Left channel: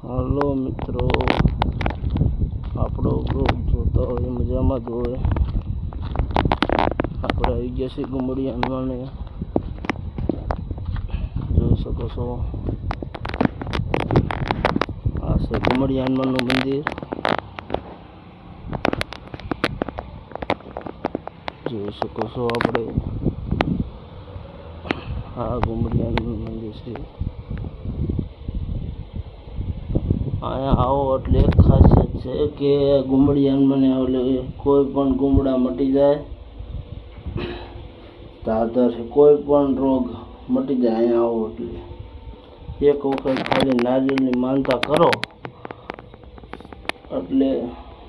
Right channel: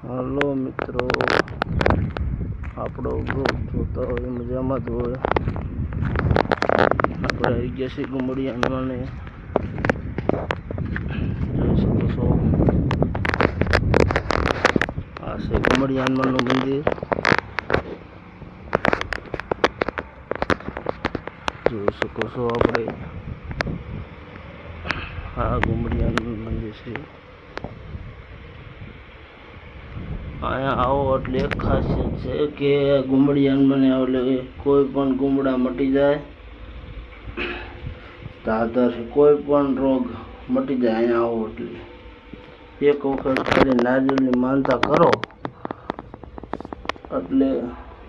Hello મિત્રો, આપણો blog જોતા હોય મજામાં જ હોય. આપણે આવી ગયા છીએ ગુમડિયાને જોઈ શકો છો. આ છે ગુમડી હનુમાનનું મંદિર. જોઈ શકો છો આપણે. આ ગુમડી હનુમાન મંદિર છે. અહીંયા આવો એટલે એક ખાસિયત છે કે ગુમડી હનુમાન એટલે કોઈ પણ ગુમડા મટી જાય, ધાધર કોઈ પણ રોગ મટી જાય. અહીંયા આવો એટલે એક વખત ખાલી નારિયેળની માનતા કરો એટલે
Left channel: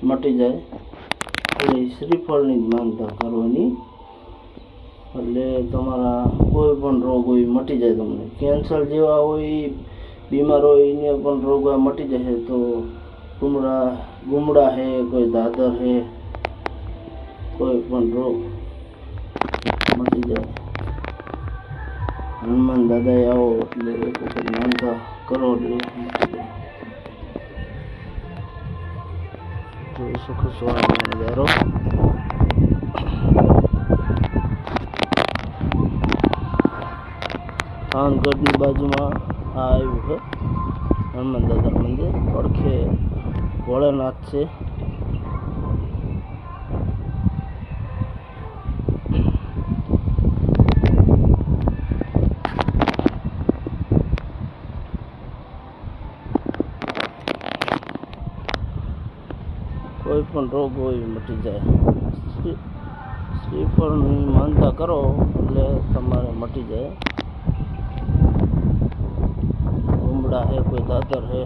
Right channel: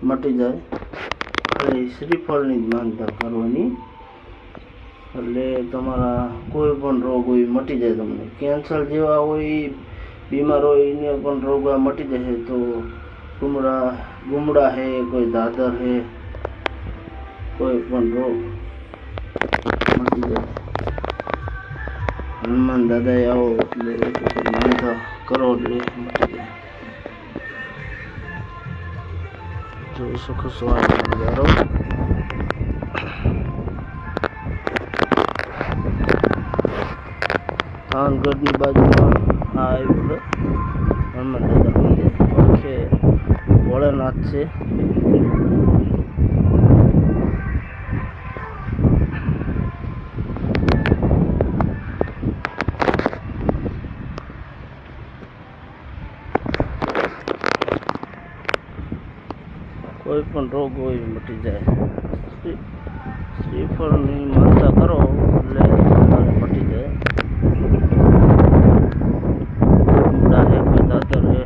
મટી જાય. ખાલી શ્રીફળની જ માનતા કરવાની એટલે તમારા કોઈ પણ રોગ હોય મટી જાય. તમને કેન્સર જેવા હોય બીમાર હોય એને પણ રોગ મટી જશે. તો ગુમડા હે, કોઈ દાદર હે, કોઈ પણ રોગ મટી જાય. હનુમાન દાદાએ આવો એટલે એક વખત માનતા કરો એટલે મટી જાય. જોઈ શકો છો આ નજારો. થાનગઢની બાજુમાં આ આવ્યું છે હનુમાન દાદા મંદિર. છે ભોળાનાથ છે. કોઈ પણ રોગ હોય મટી જાય. શ્રીફળની માનતા કરો એટલે તમારે મટી જાય. ગુમડા હે, કોઈ દાદર હે,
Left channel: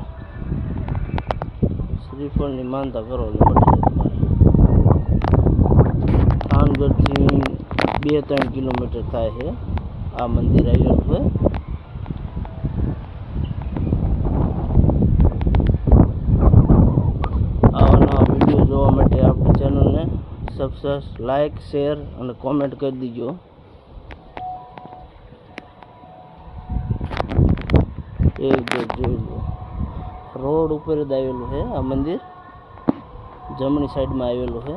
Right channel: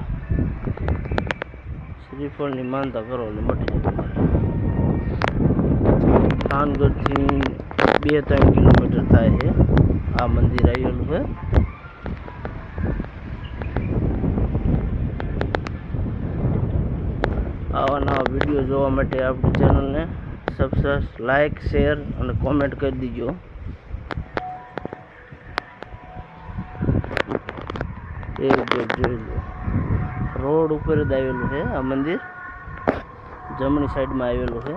શ્રીફળની માનતા કરો એટલે મટી જાય. થાનગઢથી 2-3 કિલોમીટર થાય છે આ મંદિર આવેલું છે. આવા નવા વિડીયો જોવા માટે આપણી ચેનલને સબસ્ક્રાઇબ, લાઇક, શેર અને કોમેન્ટ કરી દીજો. જોઈ લો, રોડ ઉપર જ આવેલું છે આ મંદિર. જમણી સાઈડમાં આવેલું છે.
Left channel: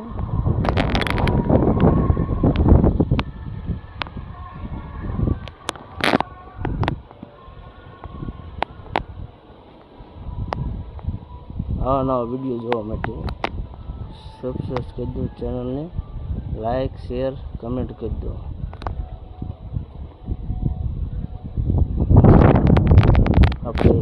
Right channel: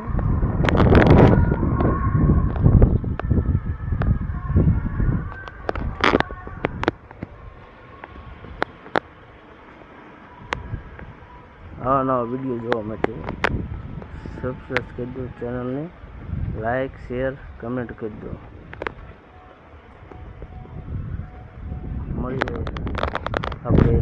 આવા નવા વિડીયો જોવા માટે સબસ્ક્રાઇબ કરી દો ચેનલને, લાઇક, શેર, કમેન્ટ કરી દો. આપણે